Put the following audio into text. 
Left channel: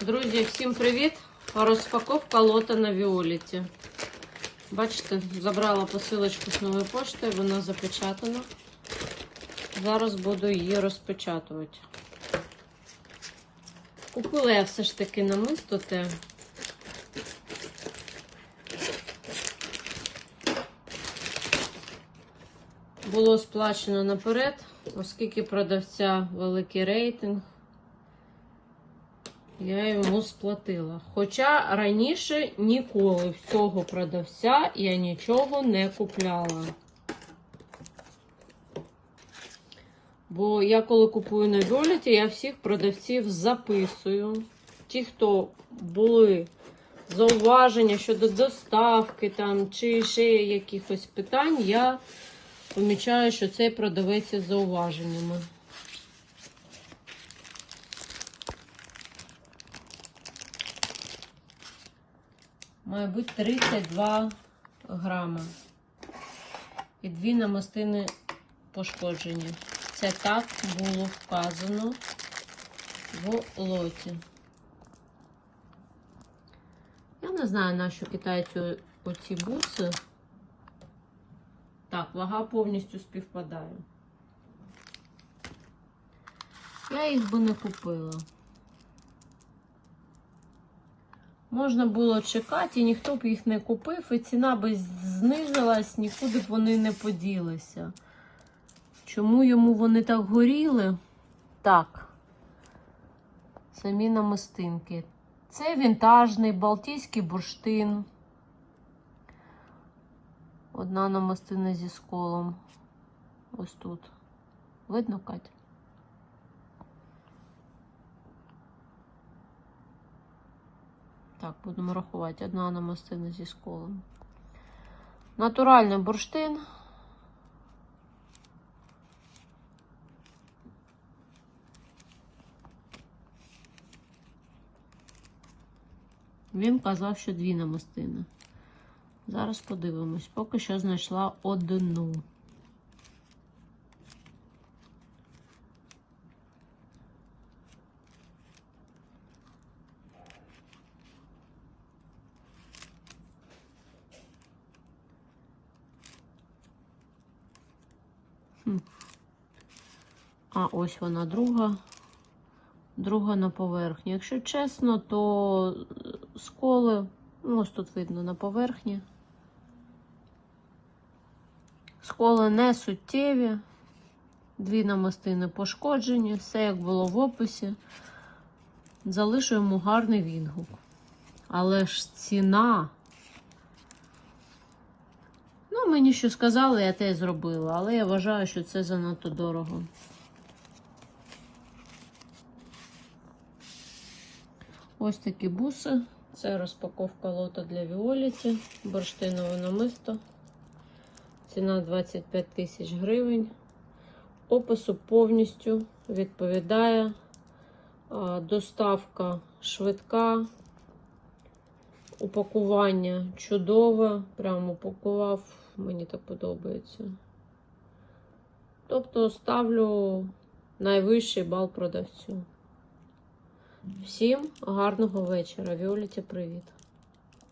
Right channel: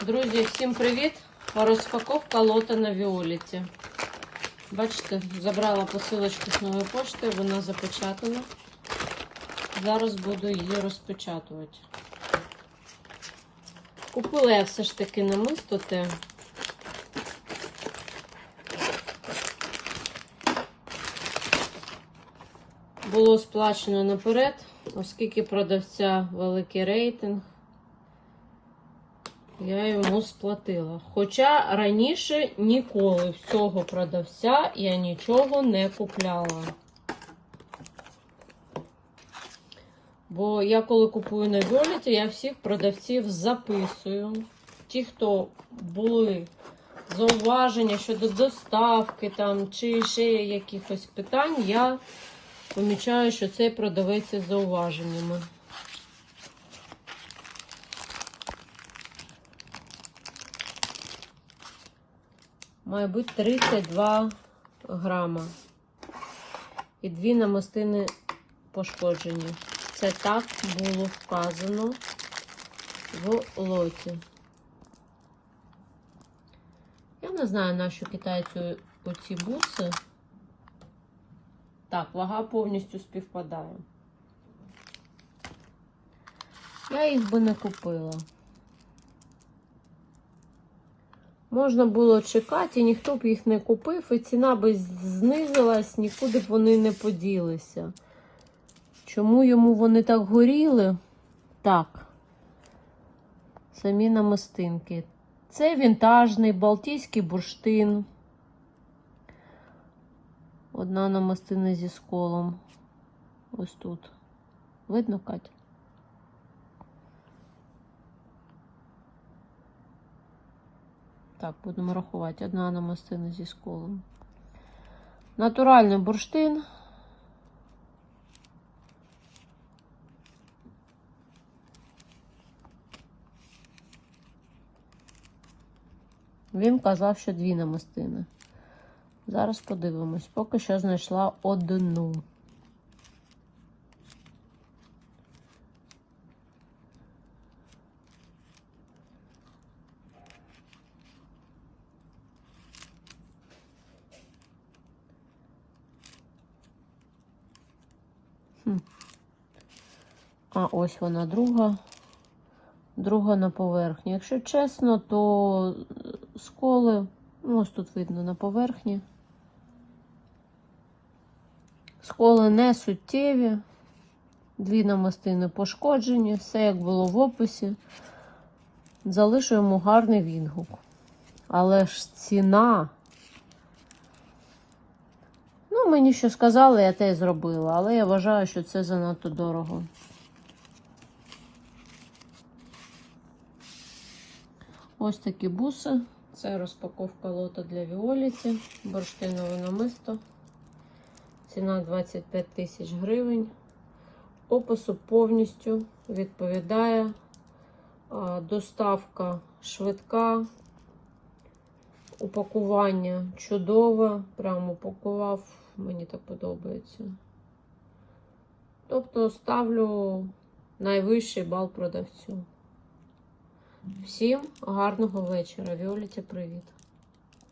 Друзі, всім привіт! Розпаковка лота на Віоліті. Бачите, забрала посилочку з нової пошти, вона запечатана. Зараз буду її розпечатувати. Купила я все ж таки намисто те. Було сплачено наперед, оскільки продавця великий рейтинг. Я йому сплатила. Хоча раніше ніколи в цього продавця я нічого не купляла. Бо я коли купую на Віоліті, я всіх продавців записую. Ті, хто були зауваження щодо доставки там, чи ще якихось питань, я помічаю, що цей продавець із зауваженнями. Має бути 32 грама. І дві намистини пошкоджені. Це так було вказано в лоті. Я не знаю, на що китайцю оці буси. Так, вага повністю співпадає. Я їх би не купила. Можна було чекати, і ніхто б їх не купив, і ціна би знизилась, нікуди б вони не поділися. Чому йому вони так горіли? Так. Самі намистинки. Це вінтажний балтійський бурштин. Одна намистина зі сколом. Ось тут. Видно, Катя? Так, будемо рахувати. Одна намистина зі сколом. Натуральний бурштин. Він казав, що дві намистини. Зараз подивимось. Поки що знайшла одну. А ось вона друга. Друга на поверхні. Якщо чесно, то сколи, ну, ось тут видно на поверхні. Сколи не суттєві. Дві намистини пошкоджені, все як було в описі. Залишуємо гарний відгук. Але ж ціна. Ну, мені що сказали, я те й зробила, але я вважаю, що це занадто дорого. Ось такі буси. Це розпаковка лота для Віоліті, бурштинове намисто. Ціна 25 тисяч гривень. Опису повністю відповідає. Доставка швидка. Упакування чудове. Прямо упакував, мені так подобається. Тобто ставлю найвищий бал продавцю. Всім гарного вечора. Віоліті, привіт!